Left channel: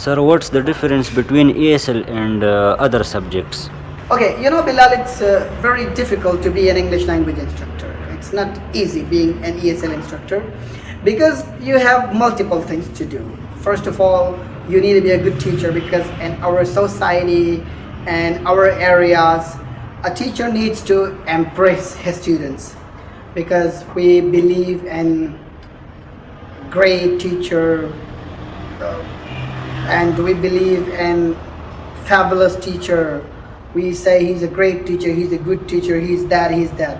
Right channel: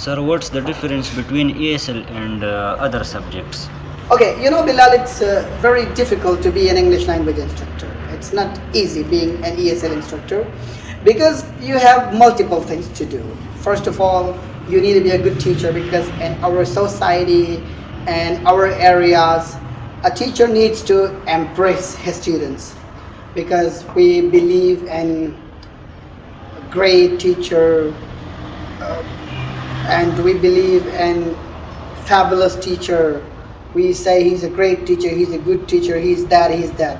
Sir, what's the difference between ESL and other subjects? Okay, Bilal, it's very difficult to be an English language instructor. It's not easy being an ESL instructor because you have multiple things to do. First of all, you need to be a good teacher because in our society and our areas, a teacher needs to embrace his students because we believe in great teacher and we believe in fabulous teacher. We say he's a great teacher, he's a good teacher, he's that, he's that.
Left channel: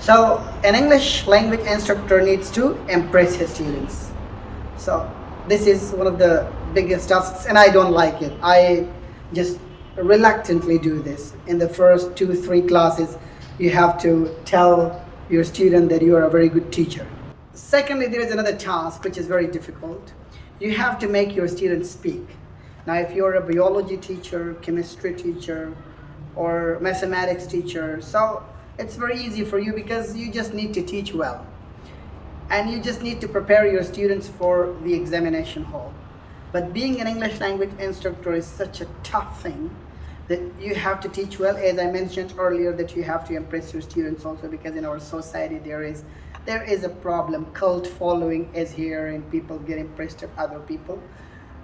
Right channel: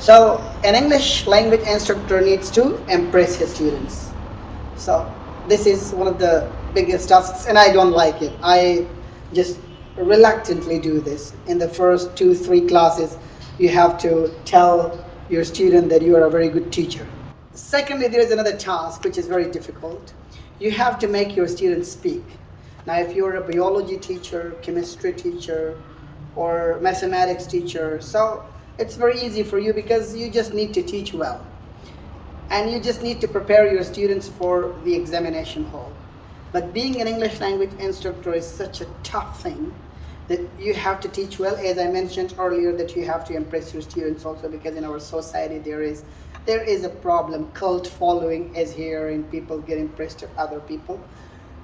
So an English language instructor needs to impress his students. So this is one of the biggest tasks and I don't like it. I just reluctantly do this. In the first 2-3 classes, you have to tell your student that you are a very good teacher. Secondly, there is another task which is very difficult. You have to make your students speak. Now, if you're a biology teacher, chemistry teacher, or mathematics teacher, so it's very easy for you because you just need to teach well. And you just need to prepare your students for the examination hall. But being an English language instructor is such a tough thing that you have to teach well. As I mentioned earlier, that you have to impress your students also because in our society there is a problem. Cult following is here and people get impressed with other people.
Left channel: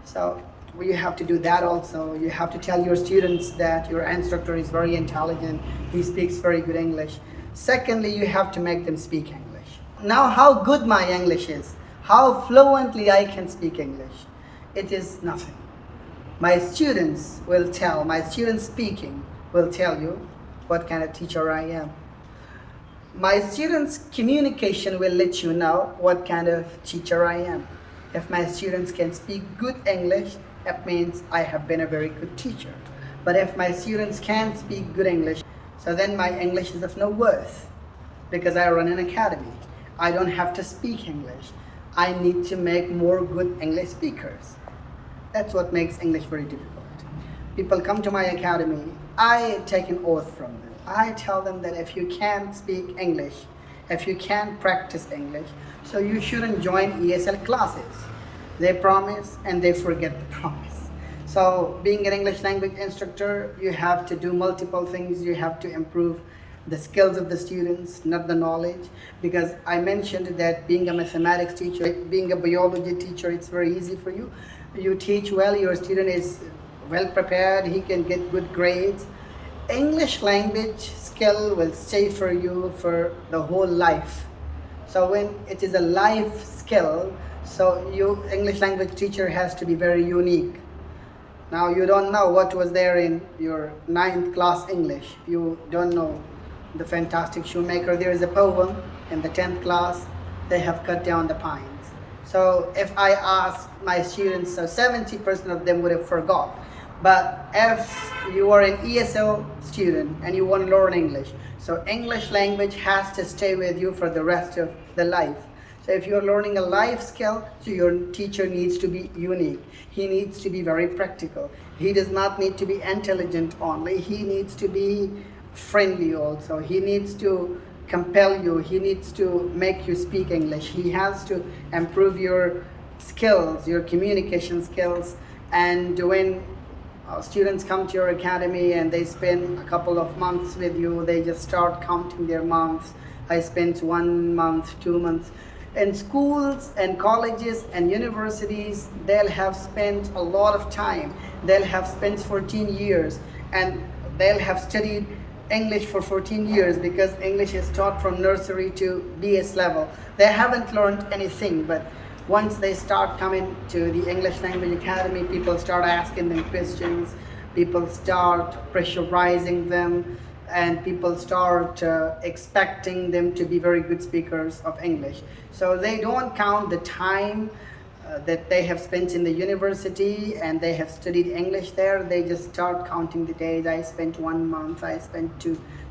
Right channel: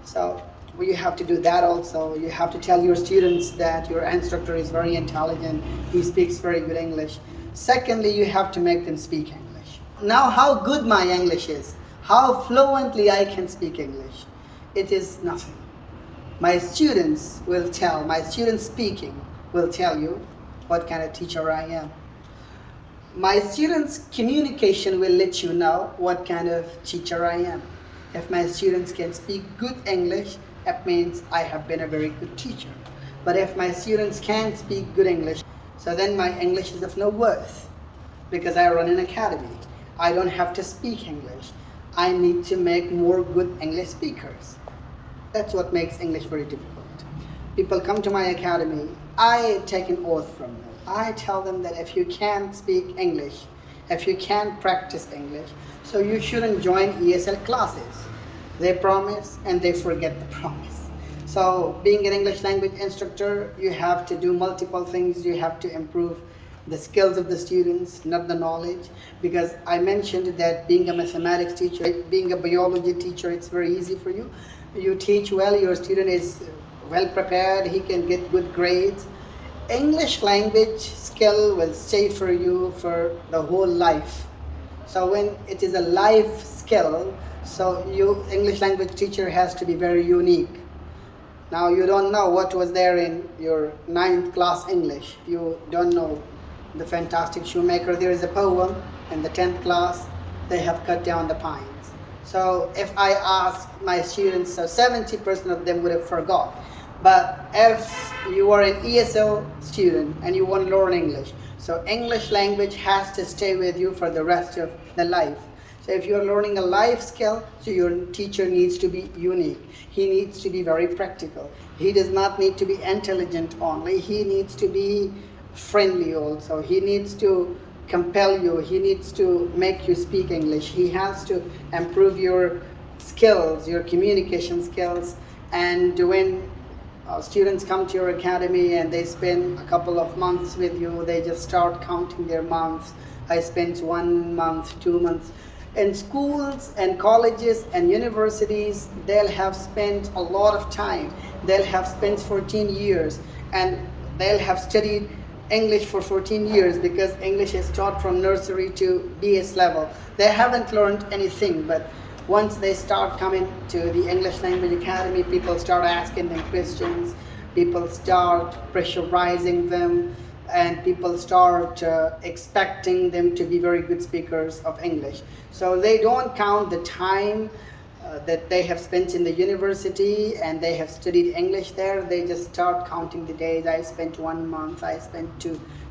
So you have to do that also. You have to tell your students that your instructor is very intelligent, he speaks very good English. Secondly, you have to make them speak English. Now, how good my English is, how fluently I can speak English, it is nothing. My students speaking will tell you what kind of teacher I am. My students' communication will let you know what kind of teacher I am. If my students can speak good English, that means I have been a very good teacher. But if my students can't speak good English, so then my English is of no worth because I run an academy. I don't have to speak English. I need to make more good English speakers. That's what makes English very difficult. People come to my academy, I take an oath from them. I tell them that if you can't speak English, if you can't practice English, so you shouldn't join ESL classes. They promise and they forget the promise. So being an English language instructor, you have to do multiple things. You have to improve the skills of the students, not the knowledge. Because I mentioned that being a mathematics teacher, being a biology teacher, it's very easy for you. You teach well, your student is well prepared, he can get good grades. English language skill will stay for you for the whole life. So when it is a life skill, so English language teacher has to be very unique. Now you don't know what was there in your 9th class English. You don't know the fantastic shoemaker. There is a poem in the 10th class, they have cut down the pines. So if I ask my students, so 70% of them would have forgot. But if you are an ESL student and you want to learn English, so English language has to stay with you for the rest of the life. So if you're learning a life skill, so your teacher needs to be unique. He needs to be very practical. He does not need to be intelligent only. He needs to be friendly also. He needs to compel you. He needs to make you speak English. He has to improve your skills, your communication skills. And when students come to your academy and they spend a couple of months with you, they just start counting their months. I spent 1 month, 2 months. In schools and colleges and universities, they'll have spent a lot of time. They'll have spent 14 years and they'll have studied English for 14 years because English is taught from nursery to BS level. They haven't learned anything, but once they start coming to the English Language Academy, people start asking them questions, people start pressurizing them, and people start expecting them to be very good speakers of English. So they don't count the time that they have spent in the university and they have studied English there. They just start counting the days. I spent 1 month, I spent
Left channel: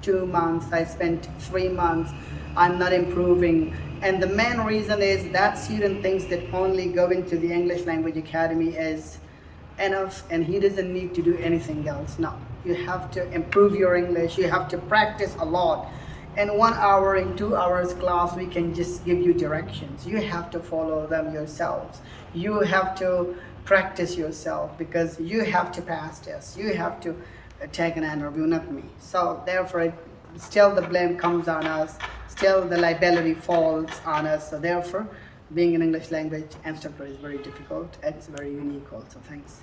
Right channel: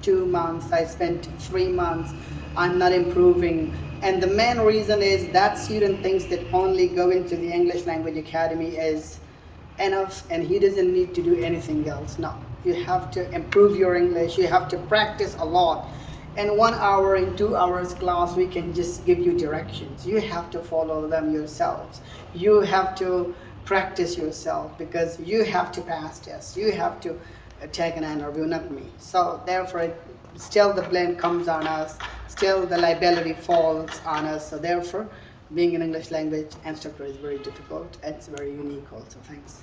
two months, I spent 3 months. I'm not improving. And the main reason is that student thinks that only going to the English Language Academy is enough and he doesn't need to do anything else. No, you have to improve your English. You have to practice a lot. In 1 hour, in 2 hours class, we can just give you directions. You have to follow them yourselves. You have to practice yourself, because you have to pass tests, you have to take an interview, not me. So therefore, still the blame comes on us, still the liability falls on us. So therefore, being an English language instructor is very difficult. It's very unique also. Thanks.